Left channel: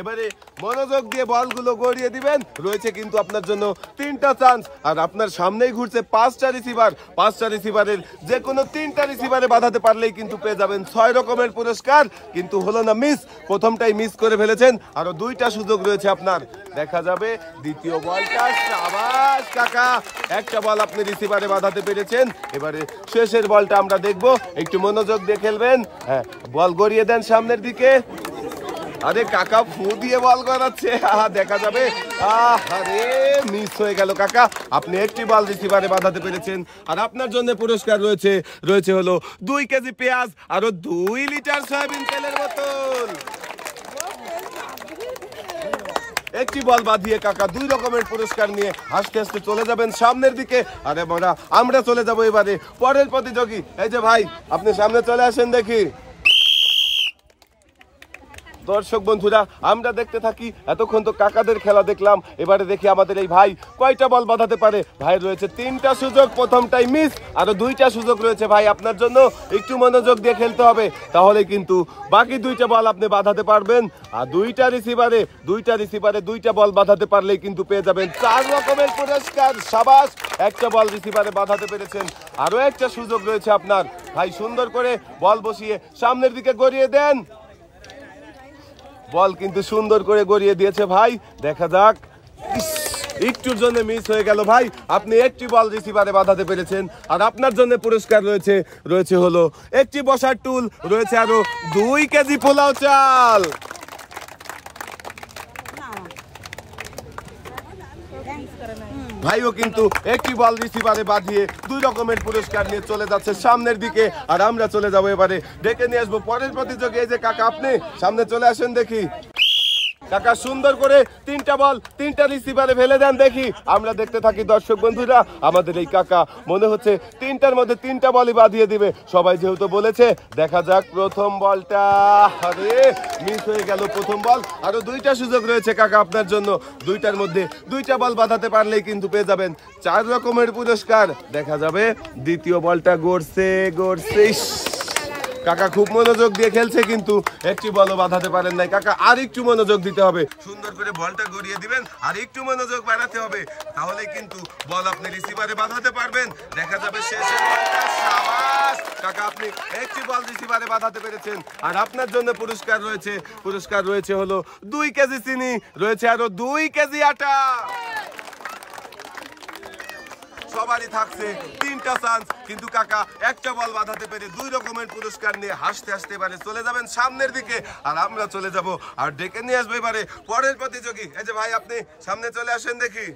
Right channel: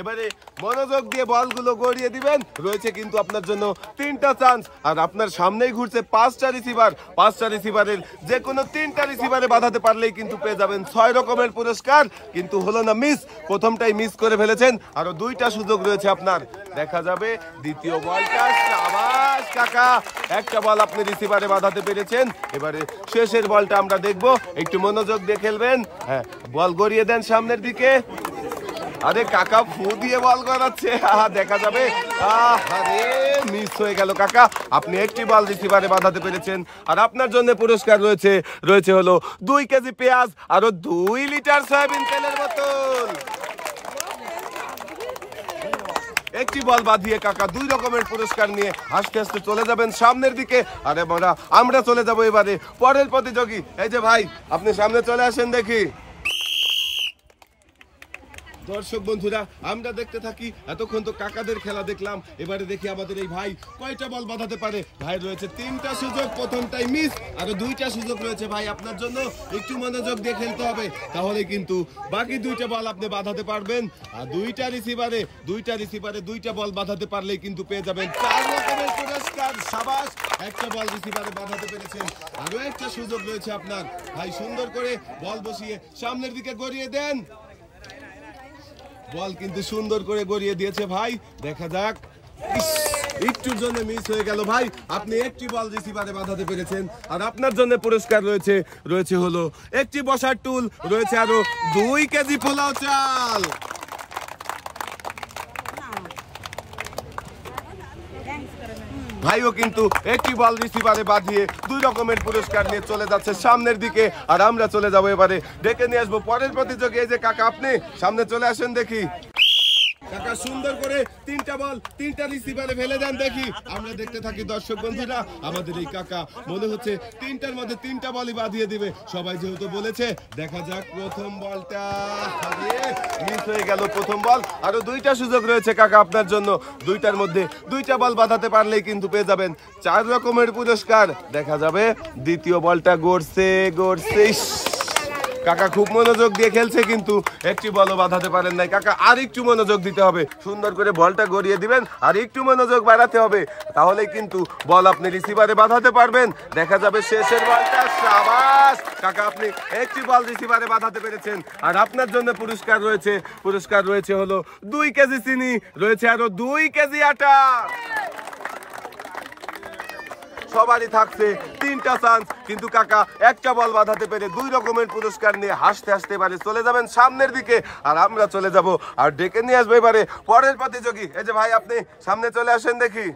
এবারে মনোযোগ দিয়ে বলগুলো গড়িয়ে দিবেন। রয়েছে কিন্তু আপনার জন্য 3টা চান্স, আর আপনার সামনেই ঘুরছে 5টা রিসিভার। 5টা রিসিভারের যে কোনো 3টা রিসিভারে বাঁধাতে পারলেই কিন্তু পেয়ে যাবেন 6 রকমের পুরস্কার। কিন্তু হলো না মিস, প্রথমটাই মিস করে ফেলেছেন, আরো 2টা সুযোগ রয়েছে আপনার। দেখা যাবে দ্বিতীয় বলটা। আবার কাকা একটা বল আপনি রিসিভারে বাঁধাতে পেরেছেন। এবারে শেষের বলটা আমরা দেখবো, একটু মনোযোগ দিয়ে খেলবেন। হ্যাঁ, বল গড়িয়ে দেন সামনের দিকে। আরে কাকা ফু দিয়ে বল করাচ্ছে, দেখা যাবে। আরে মিস হয়ে গেল কাকা, আপনি একটি বল রিসিভারে বাঁধাতে পেরেছেন। আর আপনার জন্য পুরস্কার রয়েছে হলো 2 কেজি পেঁয়াজ, আরো 2 লিটার সয়াবিন তেলের বোতল। একটি বল বাঁধিয়ে কাকা 2 রকমের পুরস্কার নিয়ে হাসতে হাসতে চলে যাবেন সামনের দিকে। আরে বড়া, আমরা চলে যাবো এবারে পরের প্রতিযোগী। এই যে ভাই, আপনি সামনে চলে আসেন দেখি। দর্শক বন্ধুরা, আমরা দেখতে থাকি। এতক্ষণ তো কাকাদের খেলা দেখলাম, এবারে দেখি আমাদের এই ভাই কয়টা বল বাঁধাতে পারে। ভাই রয়েছে 3টা সুযোগ, প্রথমটাই মিস, আরো 2টা সুযোগ রয়েছে ভাই আপনার জন্য। একটু মনোযোগ দিয়ে খেলতে হবে, তাহলে কিন্তু বাকি 2টা বল আপনি বাঁধাতে পারবেন। আর 2টা রিসিভারে 2টা বল বাঁধাতে পারলেই কিন্তু পেয়ে যাবেন 4 রকমের পুরস্কার। সাবাস, একটা বল রিসিভারে বাঁধাতে পেরেছেন, আরো একটা সুযোগ রয়েছে আপনার। ভাই সুন্দর করে বল বসিয়ে সামনের দিকে গড়িয়ে দেন। বল কিন্তু সুন্দর করে গড়িয়ে দিয়েছে ভাই, দেখা যাক। একটুর জন্য মিস হয়ে গেল ভাই, আপনি একটি বল রিসিভারে বাঁধাতে পেরেছেন। আর আপনার জন্য পুরস্কার রয়েছে হলো একটি বসার টুল, রয়েছে আরো 2 কেজি পোলাও চাল। ভাইও কিন্তু একটি বল রিসিভারে বাঁধিয়ে 2 রকমের পুরস্কার নিয়ে চলে যাচ্ছে সামনের দিকে। আর আমরা চলে যাবো এবারে, ডেকে নিয়ে আসবো পরের প্রতিযোগী। এই যে কাকা, আপনি সামনে চলে আসেন দেখি। কাকা সুন্দর করে 3টা বল 3টা রিসিভারে ফেলে দেন দেখি। আমরা দেখতে থাকি দর্শক বন্ধুরা। আমাদের এই কাকা মনে হচ্ছে 3টার মধ্যে 3টা বলই বাঁধিয়ে দিবে, সবাই যেহেতু বলেছে। দেখা যাক প্রথম বলটা। আরে মিস হয়ে গেল প্রথম বল, আরো 2টা সুযোগ রয়েছে কাকা আপনার জন্য। 2টার মধ্যে 2টা বল বাঁধাতে পারলেই কিন্তু পেয়ে যাবেন 4 রকমের পুরস্কার। দেখা যাবে দ্বিতীয় বলটা গড়ছে। কাকা খুব মনোযোগ দিয়ে খেলছে, কিন্তু একটি বলও বাঁধাতে পারেন নাই কাকা। আর একটু মনোযোগ দিতে হবে, সুন্দর করে বলটা গড়িয়ে দিবেন, আর একটু মনোযোগ বাড়াতে হবে, তাহলে কিন্তু বল আপনি রিসিভারে বাঁধাতে পারবেন। দেখা যাবে শেষের বলটা। সাবাস কাকা, আপনি একটি বল রিসিভারে বাঁধাতে পেরেছেন। আর আপনার জন্য পুরস্কার রয়েছে হলো 2 কেজি চিনি, রয়েছে আরো 2 কেজি আটা। সবারই থাকছে 3টা চান্স, কিন্তু কাকা একটা বল বাঁধাতে পেরে 2 রকমের পুরস্কার নিয়ে হাসতে হাসতে এবারে চলে যাবেন সামনের দিকে। আর আমরা চলে যাব আর ডেকে নিয়ে আসবো এবারে পরের প্রতিযোগী। এই যে ভাই, আপনি সামনে চলে আসেন দেখি।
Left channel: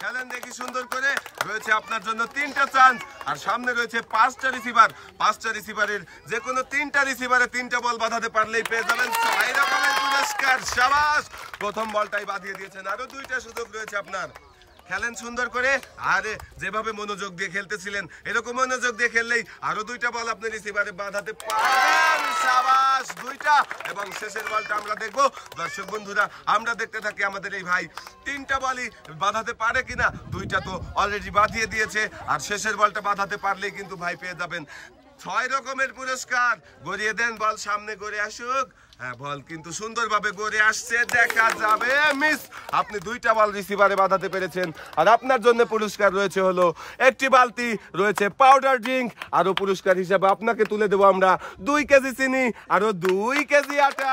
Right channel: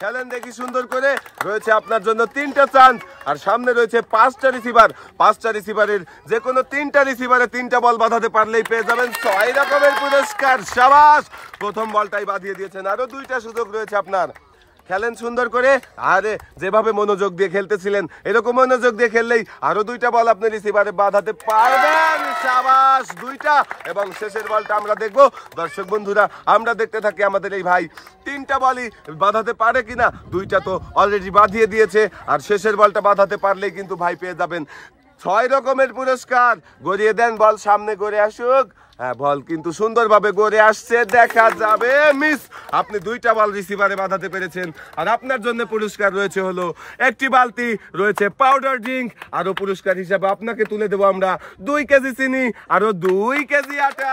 খেলেন দেখি সুন্দর করে। রয়েছে আপনার জন্য 3টা চান্স, আর সামনে রয়েছে 5টা রিসিভার। 5টা রিসিভারের যে কোনো 3টা রিসিভারে 3টা বল বাঁধাতে পারলেই পেয়ে যাবেন 6 রকমের পুরস্কার। সাবাস, প্রথম বলটাই বাঁধিয়ে দিয়েছেন, আরো 2টা সুযোগ রয়েছে আপনার। খেলেন সুন্দর করে। আরে যেভাবে মনোযোগ দিয়ে খেলতেছিলেন, এরকম মনোযোগ দিয়ে খেললেই আরো 2টা বল আপনি রিসিভারে বাঁধাতে পারবেন। সাবাস, 2টা। এবং শেষের বলটা আমরা দেখবো। দর্শক বন্ধুরা, আমরা দেখতে থাকি আমাদের এই ভাই 3টা বলই বাঁধাতে পারে কিনা। 2টা তো অলরেডি বাঁধিয়ে দিয়েছে, আর শেষের বলটা বাঁধাতে পারলেই কিন্তু ভাই পেয়ে যাবেন 6 রকমের পুরস্কার। গড়িয়ে দেন, বল সামনে গড়ে আসুক। হ্যাঁ, বল কিন্তু সুন্দরভাবে গড়ে আসছে, দেখা যাবে মিস। আপনি 2টা বল রিসিভারে বাঁধাতে পেরেছেন। আর আপনার জন্য পুরস্কার রয়েছে হলো একটি বালতি, রয়েছে পাউডার ড্রিঙ্ক। আরো পুরস্কার হিসাবে আপনাকে তুলে দেবো আমরা 2 কেজি চিনি, আরো 2 কেজি আটা।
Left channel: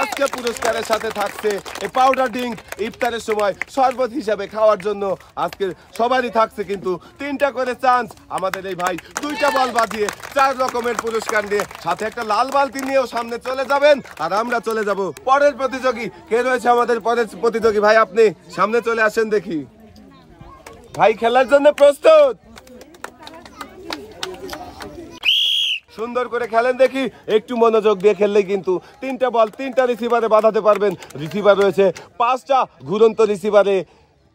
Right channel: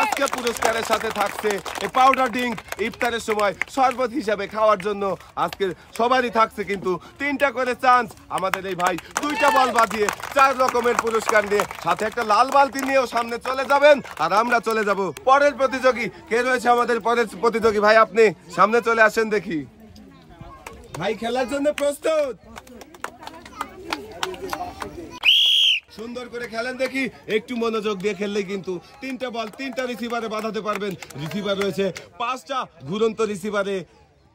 আজকে পুরস্কারের সাথে থাকছে এই পাউডার ড্রিঙ্ক। ইফতারের সময় শরবত হিসাবে খাওয়ার জন্য আজকে সবারই থাকছে কিন্তু 3টা করে চান্স। আমাদের এই ভাই 2টা বল বাঁধিয়ে 4 রকমের পুরস্কার নিয়ে সাথে একটা লাল বালতি নিয়েও সামনে চলে যাবেন। আর আমরা চলে যাব পরের প্রতিযোগী। কে রয়েছে আমাদের পরের প্রতিযোগী? ভাই আপনি সামনে চলে আসেন দেখি। ভাই খেলার জন্য প্রস্তুত? সুন্দর করে খেলেন দেখি। একটু মনোযোগ দিয়ে খেললে কিন্তু 3টা বল 3টা রিসিভারে বাঁধাতে পারবেন। রিসিভার রয়েছে 5টা, ঘুরন্ত রিসিভারে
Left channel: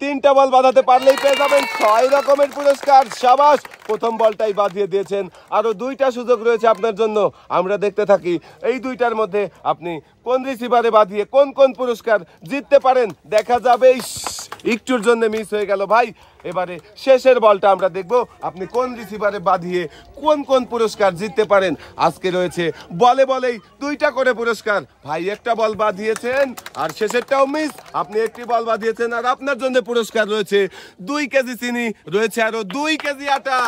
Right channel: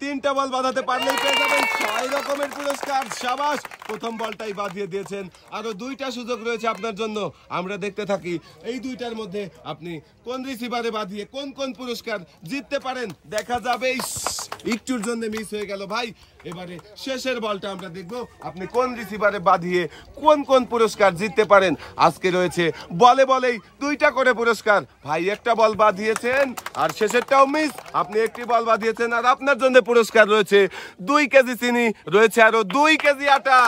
3টা বল বাঁধাতে পারলেই পেয়ে যাবেন 6 রকমের পুরস্কার। সাবাস, প্রথম বলটাই বাঁধিয়ে দিয়েছেন, আরো 2টা সুযোগ রয়েছে আপনার জন্য। আমরা দেখতে থাকি এই 2টার মধ্যে আপনি কোন রিসিভারে বাঁধিয়ে কোন কোন পুরস্কার জিততে পারেন। দেখা যাবে একটুর জন্য মিস হয়ে গেল ভাই। এবারে শেষের বলটা আমরা দেখবো আপনি কোন রিসিভারে বাঁধিয়ে কোন কোন পুরস্কার জিততে পারেন। আজকে রয়েছে বলে বলেই 2টা করে পুরস্কার। ভাই একটা বল বাঁধিয়েছেন আর শেষেরটাও মিস, আপনি একটি বল বাঁধিয়েছেন আর আপনার জন্য পুরস্কার রয়েছে 2 কেজি চিনি, রয়েছে আরো 2 কেজি আটা।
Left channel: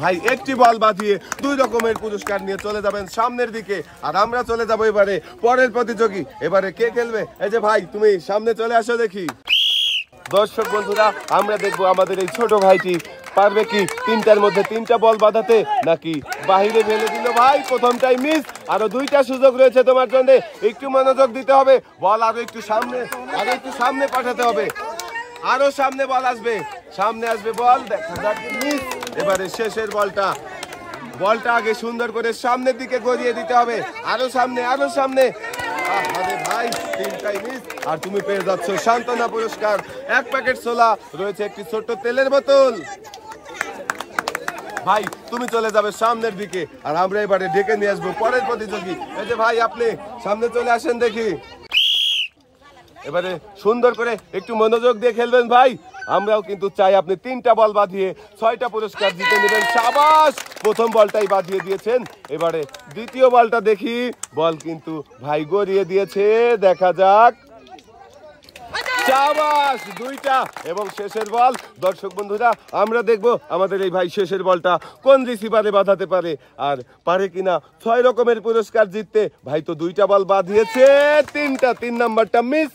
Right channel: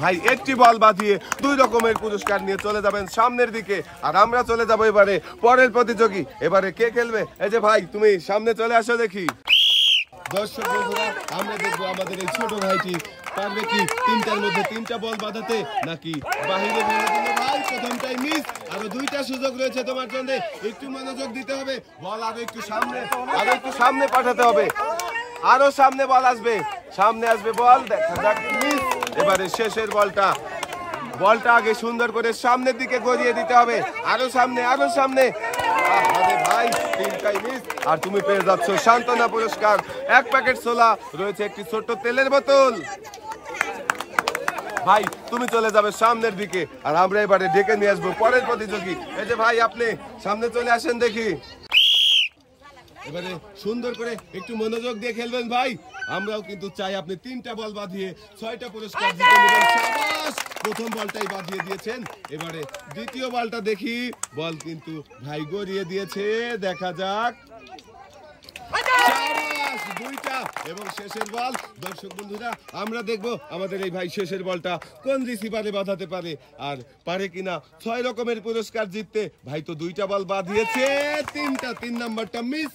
ভাই একটি বল বাঁধিয়ে 2 রকমের পুরস্কার নিয়ে চলে যাবেন সামনের দিকে, আর আমরা চলে যাবো এবারে পরের প্রতিযোগী। এবারে কে খেলবে? এই যে ভাই তুমি সামনে চলে আসো দেখি। দর্শক বন্ধুরা, আমরা দেখবো আমাদের এই ছোট ভাইটি পারবে কি 3টার মধ্যে 3টা বল বাঁধাতে, নাকি বাহিরে ফেলে দিল। ভাই প্রথমটাই মিস, আরো 2টা সুযোগ রয়েছে তোমার জন্য, একটু মনোযোগ দিতে হবে। বল আরো একটু সামনে পাঠাতে হবে, আরো সামনে বল আসবে, সামনে আসবে বল। দেখা যাক মিস। এবারে শেষের বলটা আগে সুন্দর করে সামনের দিকে গড়িয়ে দিতে হবে, আরো সামনে। আরে ভাই 3টাই মিস, আর তুমি পেয়ে যাচ্ছ সান্ত্বনা পুরস্কার 1 প্যাকেট ছোলা, রয়েছে একটি ছোট্ট তেলের বোতল। ভাই তুমি চলে যাবে সামনের দিকে, আর আমরা এবারে ডেকে নিয়ে আসবো পরের প্রতিযোগী। এই যে ভাই আপনি সামনে চলে আসেন দেখি। এবারে সুন্দর করে একটু মনোযোগ দিয়ে খেলবেন ভাই। আমরাও কিন্তু চাই আপনি 3টা বল বাঁধিয়ে 6টা পুরস্কার জিতে নেবেন। শাবাশ, প্রথম বলটাই বাঁধিয়ে দিয়েছেন। এবারে দ্বিতীয় বলটা দেখি, বল কিন্তু ভাই গড়িয়ে দিয়েছে, দেখা যাক। শাবাশ, 2টা। এবং শেষের বল। দর্শক বন্ধুরা, আমরা দেখবো আমাদের এই ভাই শেষের বলটা কোন রিসিভারে বাঁধাতে পারে, আর পারে কিনা 6 রকমের পুরস্কার জিততে। ভাই তো 2টা বল বাঁধিয়েছে, 3 নাম্বারটা মিস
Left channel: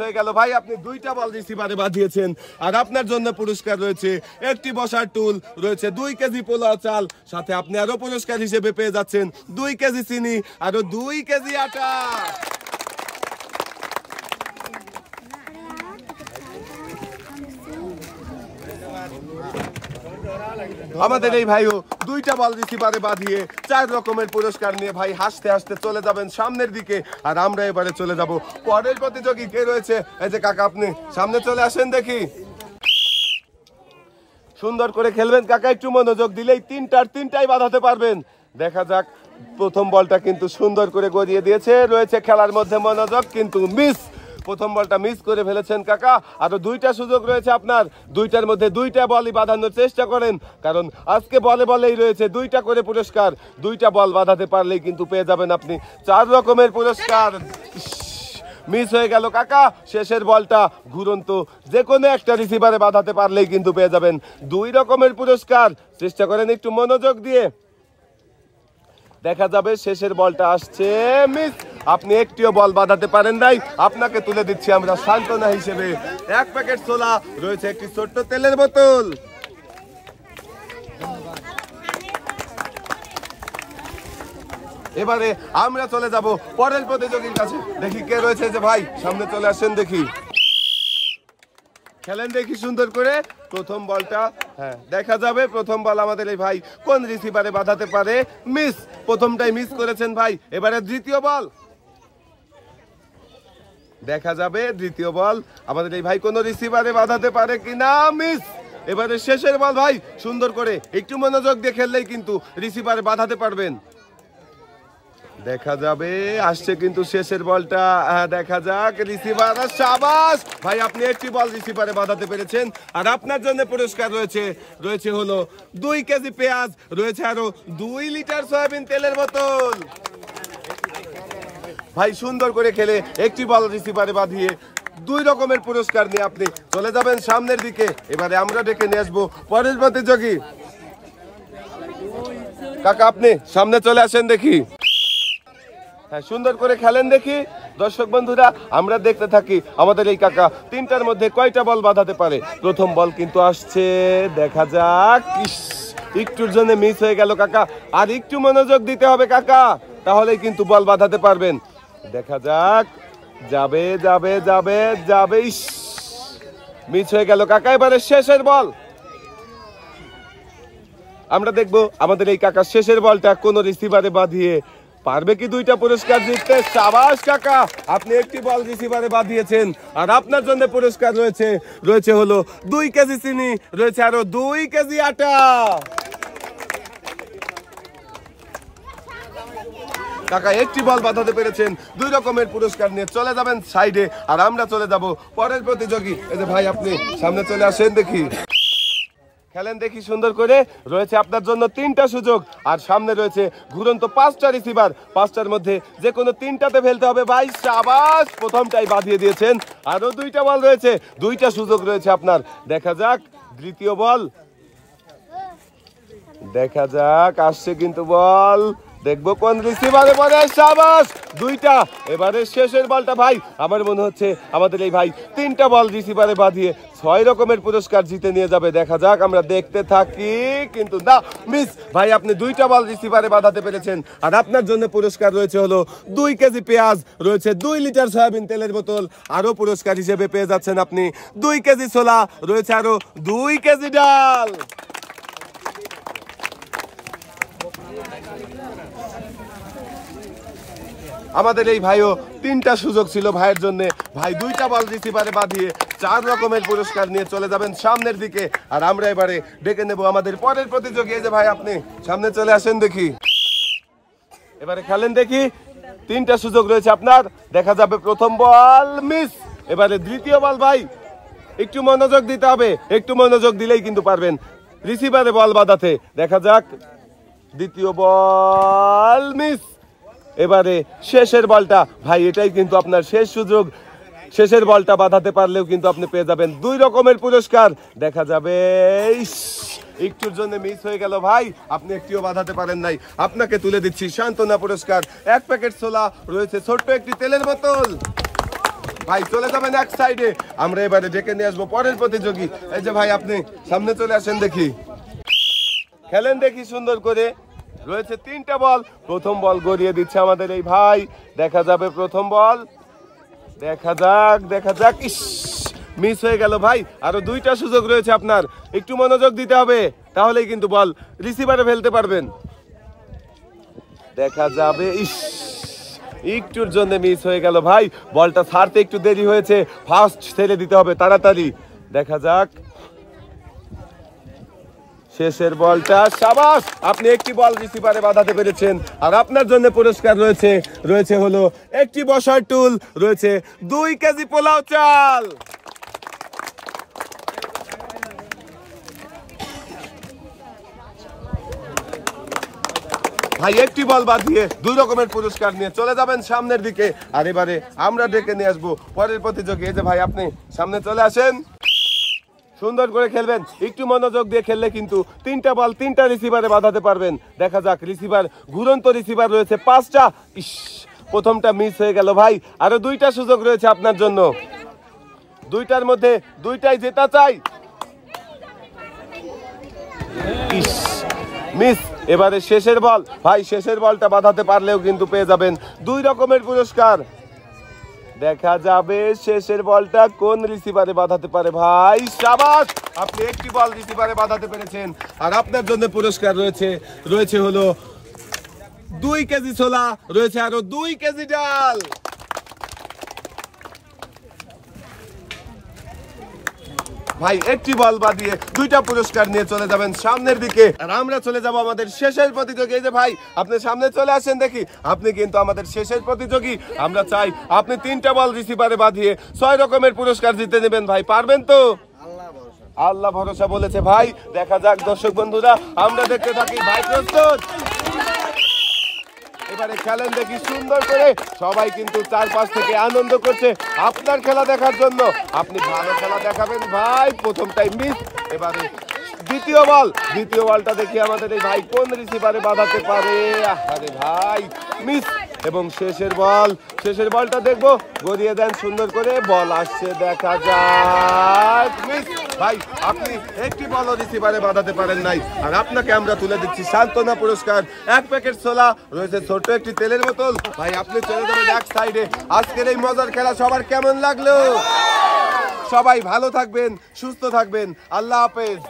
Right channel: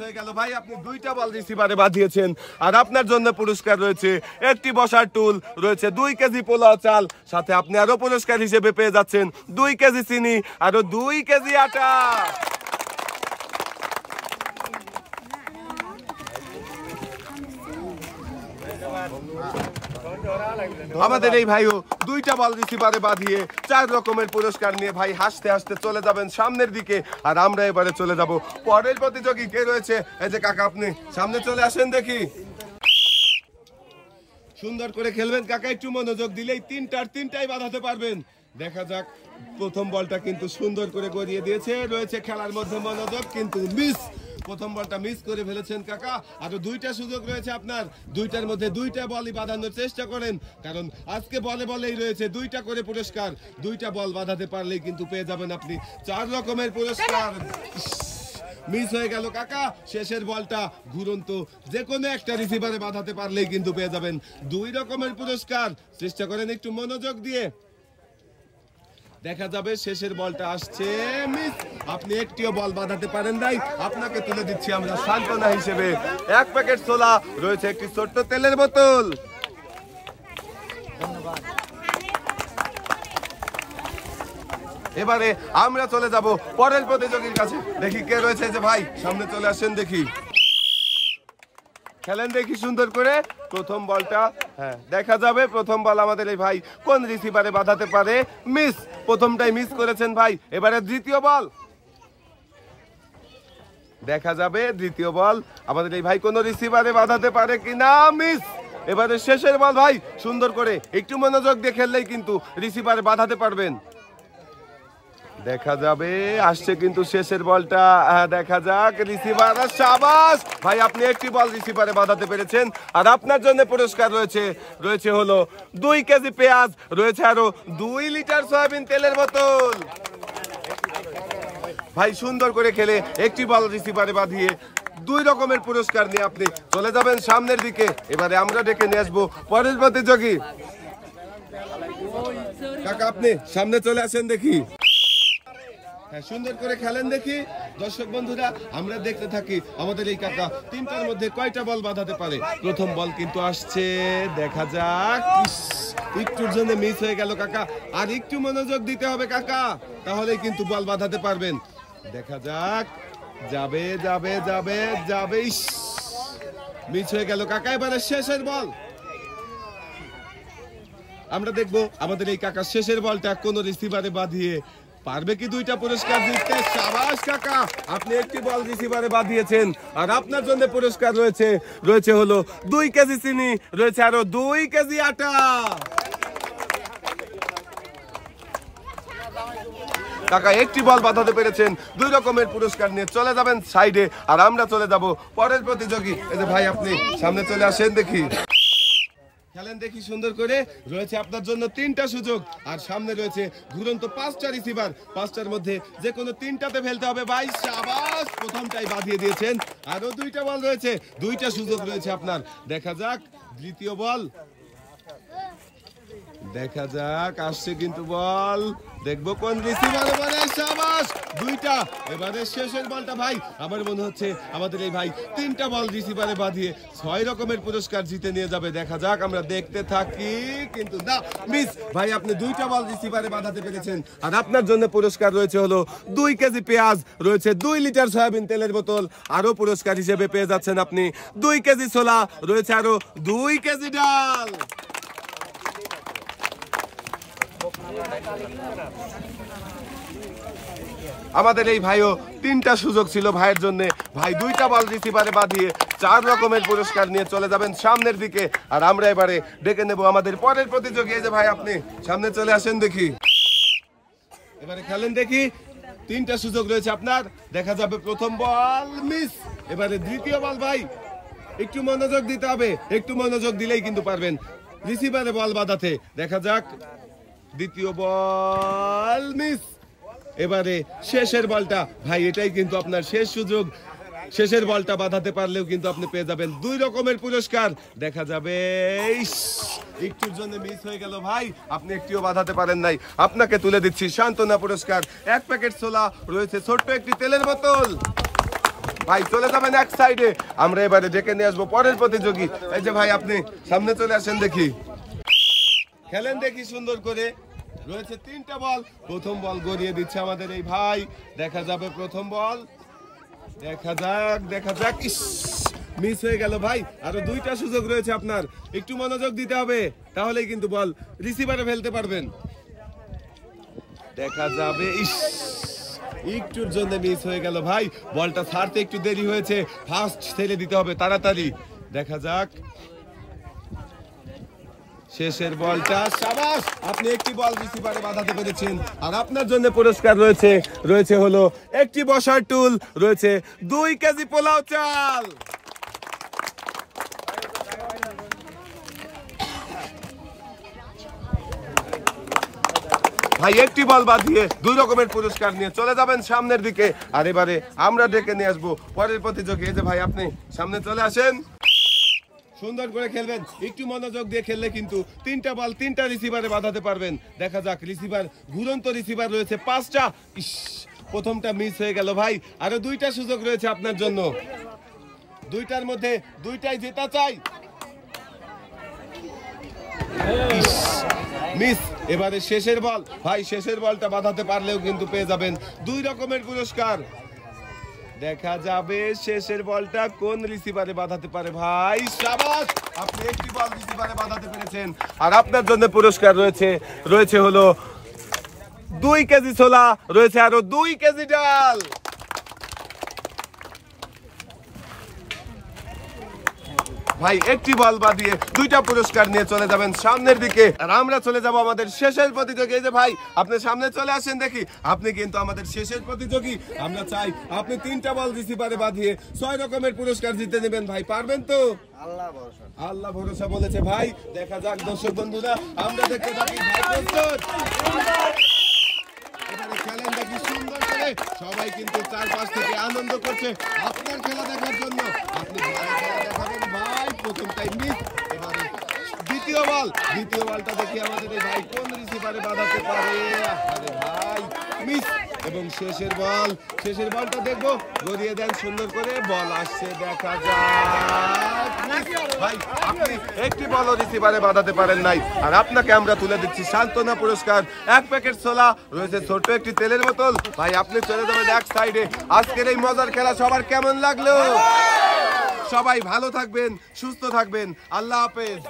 হয়ে গেল। ভাই আপনি 2টা বল রিসিভারে বাঁধিয়েছেন, আর আপনার জন্য পুরস্কার রয়েছে একটি বসার টুল, রয়েছে 2 কেজি পোলাও চাল, সাথে আপনি আরো পুরস্কার হিসেবে পেয়ে যাচ্ছেন 2 কেজি চিনি, আরো 2 কেজি আটা। আমাদের এই ভাইও 2টা বল রিসিভারে বাঁধিয়ে 4 রকমের পুরস্কার নিয়ে ভাই হাসতে হাসতে চলে যাবেন সামনের দিকে, আর আমরা এবারে চলে যাব পরের প্রতিযোগী। কে রয়েছে? এই যে কাকা আপনি সামনে চলে আসেন দেখি। সুন্দর করে খেলবেন কাকা, একটু মনোযোগ দিলেই 3টাই বাঁধাতে পারবেন। দেখা যাক। প্রথম বলটা কিন্তু সুন্দর করে গড়িয়ে দিয়েছে, রয়েছে খেলার মধ্যে মনোযোগ, কিন্তু মিস। প্রথম বলটা মিস করে ফেলেছেন কাকা, আরো 2টা সুযোগ রয়েছে আপনার। 2টার মধ্যে 2টা বলই বাঁধানোর চেষ্টা করেন, কারণ আজকে বলেই রয়েছে 2টা করে পুরস্কার। 2টা বল বাঁধাতে পারলেই কিন্তু পেয়ে যাবেন আপনি 4 রকমের পুরস্কার। মিস হয়ে গেল কাকা। শেষের বলটা ঘুরন্ত যে কোনো একটা রিসিভারে বাঁধাতে পারলেই কিন্তু পেয়ে যাবেন 2 রকমের পুরস্কার। চেষ্টা করেন একটু মনোযোগ দিয়ে। দেখা যাবে শেষের বলটা আসছে, মিস। আপনি একটিও বল বাঁধাতে পারেন নাই, আপনাকে তুলে দিচ্ছি আমরা সান্ত্বনা হিসেবে 1 প্যাকেট ছোলা, রয়েছে একটি ছোট্ট তেলের বোতল। এবারে আমরা চলে যাব পরের প্রতিযোগীর কাছে। দেখি কে রয়েছে। যে ভাই সামনে চলে আসেন দেখি, খেলেন দেখি সুন্দর করে। প্রথম বলটা দেখা যাবে প্রথম বল আমাদের এই ভাই কোন রিসিভারে বাঁধাতে পারে, মিস। প্রথমটাই মিস করেছেন ভাই। এবারে দ্বিতীয় বল দেখা যাবে, দ্বিতীয় বল আমাদের এই ভাই কোন রিসিভারে বাঁধাতে পারে কিনা, মিস। এবারে শেষের বল ভাই, সুন্দর করে একটু মনোযোগ দিয়ে খেললেই কিন্তু রিসিভারে বাঁধাতে পারবেন। দেখা যাবে, আসছে কিন্তু শেষের বলটা। দেখা যাক রিসিভার। শাবাশ ভাই, আপনি একটি বল রিসিভারে বাঁধাতে পেরেছেন, আর আপনার জন্য পুরস্কার রয়েছে হলো 2 কেজি পেঁয়াজ, রয়েছে আরো 2 লিটার সয়াবিন তেলের বোতল। ভাই সুন্দর করে খেলে একটি বল রিসিভারে বাঁধিয়ে 2 রকমের পুরস্কার নিয়ে আপনি চলে যাবেন সামনের দিকে। এবারে আমরা ডেকে নিয়ে আসবো পরের প্রতিযোগী। কাকা আপনি সামনে চলে আসেন দেখি। সুন্দর করে খেলেন দেখি। দর্শক বন্ধুরা, আমরা দেখতে থাকি আমাদের এই কাকা 3টার মধ্যে কয়টা বল বাঁধাতে পারে। প্রথম বল কিন্তু আসছে, দেখা যাক। একটুর জন্য মিস হয়ে গেল কাকা, আর একটু মনোযোগ দিতে হবে কাকা, তাহলেই কিন্তু বল বাঁধাতে পারবেন। দেখা যাক, যাবে। মিস হয়ে গেল কাকা। এবারে শেষের বল আমরা দেখবো আমাদের এই কাকা শেষের বলটা কোন রিসিভারে বাঁধিয়ে পারবে কি 2টা পুরস্কার জিততে। শাবাশ কাকা, আপনি একটি বল রিসিভারে বাঁধিয়েছেন, আর আপনার জন্য পুরস্কার রয়েছে হলো 2 কেজি চিনি, রয়েছে আরো 2 কেজি আটা। কাকা একটি বল বাঁধাতে পেরেছেন, 2 রকমের পুরস্কার নিয়ে চলে যাবেন সাইডে, আর আমরা চলে যাব পরের প্রতিযোগী। এই যে ভাই আপনি সামনে চলে আসেন, দেখি খেলেন দেখি সুন্দর করে। রয়েছে আপনার জন্য 3টা সুযোগ, আর সামনে রয়েছে ঘুরন্ত 5টা রিসিভার, 5টার মধ্যে যে কোনো 3টাতে ফেলতে হবে ভাই। শাবাশ, প্রথমটাই বাঁধিয়ে দিয়েছেন। আরো 2টা বল রয়েছে, 2টা সুযোগ রয়েছে আপনার। দেখা যাক দ্বিতীয় বল, দেখা যাক আসছে কিন্তু বল, দেখবো কোন রিসিভারে বলে। শাবাশ, 2টা। এবারে শেষের বলটা ভাই, আমার মনে হচ্ছে আমাদের এই ভাই 3টা বল রিসিভারে বাঁধিয়ে 6 রকমের পুরস্কার জিতে নিয়ে যাবে। দেখা যাক, আমরা দেখতে থাকি। কিন্তু না, মিস ভাই, আপনি 2টা বল রিসিভারে বাঁধাতে পেরেছেন, আর আপনার জন্য পুরস্কার রয়েছে হলো 2 কেজি পেঁয়াজ, রয়েছে 2 লিটার সয়াবিন তেলের বোতল, আরো পুরস্কার হিসেবে পেয়ে যাচ্ছেন আপনি 2 কেজি ছোলা, রয়েছে আরো 2 কেজি ডাল। আমাদের এই ভাইও 3টা সুযোগ ছিল ভাইয়ের জন্য। ভাই 2টা বল রিসিভারে বাঁধিয়ে 4 রকমের পুরস্কার নিয়ে চলে যাবেন সামনের দিকে, আর আমরা এবারে ডেকে নেব আমাদের পরের প্রতিযোগী। এই যে ভাই আপনি সামনে চলে আসেন, দেখি এবারে খেলেন দেখি। 3টা সুযোগ রয়েছে আপনার, দেখা যাবে প্রথম বল মিস। এবারে দ্বিতীয় বল ভাই, একটু মনোযোগ দিতে হবে, একটু মনোযোগ দিলেই কিন্তু পারবেন রিসিভারে বল বাঁধাতে। দেখা যাক দ্বিতীয় বল মিস। এবারে শেষের বলটা ভাই, এটাই কিন্তু আপনার শেষ সুযোগ। শেষের বলটা বাঁধাতে পারলেও কিন্তু আপনি পেয়ে যাবেন 2 রকমের পুরস্কার। দেখা যাবে একটুর জন্য মিস হয়ে গেল ভাই, আপনি একটিও বাঁধাতে পারেন নাই। আপনাকে তুলে দিচ্ছি সান্ত্বনা পুরস্কার, 1 প্যাকেট ছোলা, রয়েছে ছোট্ট একটি তেলের বোতল। ভাই চলে যাবেন এক সাইডে, আমরা এবারে ডেকে নিয়ে আসবো পরের প্রতিযোগী। এই যে ভাই আপনি সামনে চলে আসেন, দেখি খেলেন দেখি সুন্দর করে। রয়েছে 3টা বল, প্রথম বল গড়িয়ে দিচ্ছে আমাদের এই ভাই। দেখা যাবে প্রথম বল, দেখা যাক, দেখা যাক। ইস, মিস হয়ে গেল ভাই। আরো 2টা সুযোগ রয়েছে আপনার, একটু মনোযোগ দিতে হবে, তাহলেই কিন্তু বল রিসিভারে ফেলতে পারবেন। দেখা যাবে, ইস, একটুর জন্য মিস হয়ে গেল ভাই। বলটা ছাড়তে একটু দেরি হয়েছে, ফাস্ট ছেড়ে দিতে হবে তাড়াতাড়ি। দেখা যাক শেষের বলটা। শাবাশ, আপনি একটি বল রিসিভারে বাঁধাতে পেরেছেন, আর আপনার জন্য পুরস্কার রয়েছে হলো একটি বসার টুল, রয়েছে 2 কেজি পোলাও চাল। ভাই একটি বল বাঁধিয়ে 2 রকমের পুরস্কার নিয়ে চলে যাবেন সামনের দিকে, আর এবারে আমরা ডেকে নিয়ে আসবো পরের প্রতিযোগী। এই যে ভাই আপনি সামনে চলে আসেন, সুন্দর করে খেলবেন, একটু মনোযোগ দিয়ে খেললে কিন্তু 3টা বল 3টা রিসিভারে বাঁধাতে পারবেন। দেখা যাক রিসিভার, ঘুরন্ত রিসিভার রয়েছে 5টা। ইস, প্রথমটা মিস হয়ে গেল ভাই। আরো 2টা সুযোগ রয়েছে আপনার জন্য, 2টার মধ্যে 2টাই জেতা চাই। মিস। এবারে শেষের বল ভাই, শেষের বলটা বাঁধাতে পারলেও কিন্তু পেয়ে যাবেন 2 রকমের পুরস্কার। দেখা যাবে শেষের বলটা কোন রিসিভারে বাঁধাতে পারে ভাই। শাবাশ, আপনি একটি বল রিসিভারে বাঁধাতে পেরেছেন, আর আপনার জন্য পুরস্কার রয়েছে হলো 2 কেজি ছোলা, রয়েছে আরো 2 কেজি ডাল। ভাই একটি বল বাঁধিয়ে 2টা পুরস্কার নিয়ে চলে যাবেন সামনের দিকে, আর আমরা চলে যাব আমাদের শেষের প্রতিযোগী। এই যে ভাই আপনি সামনে চলে আসেন, দেখি আপনি কিন্তু আমাদের শেষের প্রতিযোগী। আমরা চাই আপনি 3টা বল রিসিভারে বাঁধিয়ে 6 রকমের পুরস্কার জিতে নেবেন। ভাই পারবেন তো? আল্লাহ ভরসা বলেছে ভাই। দেখা যাক দর্শক বন্ধুরা, আমরা দেখতে থাকি। ভাই প্রস্তুত? এবারে খেলেন দেখি সুন্দর করে। সবাই কিন্তু চারপাশ থেকে আনন্দ করছে আপনার খেলা দেখার জন্য। আপনি ভালো খেলা দেখাবেন ভাই। প্রথমটাই মিস। এবারে দ্বিতীয় বলটা দেখি আমাদের এই ভাই কোন রিসিভারে বাঁধাতে পারে। আরে ভাই মিস। এবং শেষের বলটা দেখবো, গড়িয়ে দেন সুন্দর করে। বল আসছে, দেখা যাক। ভাই আপনি একটি বল রিসিভারে বাঁধাতে পারেন নাই, আর আপনাকে আমরা তুলে দিচ্ছি সান্ত্বনা পুরস্কার, 1 প্যাকেট ছোলা, রয়েছে ছোট্ট একটি তেলের বোতল। ভাই আপনি চলে যাবেন এক সাইডে। আজকের এই মজার খেলা সবার কেমন লাগলো? সবাই ভালো থাকবেন, সুস্থ থাকবেন। আল্লাহ হাফেজ।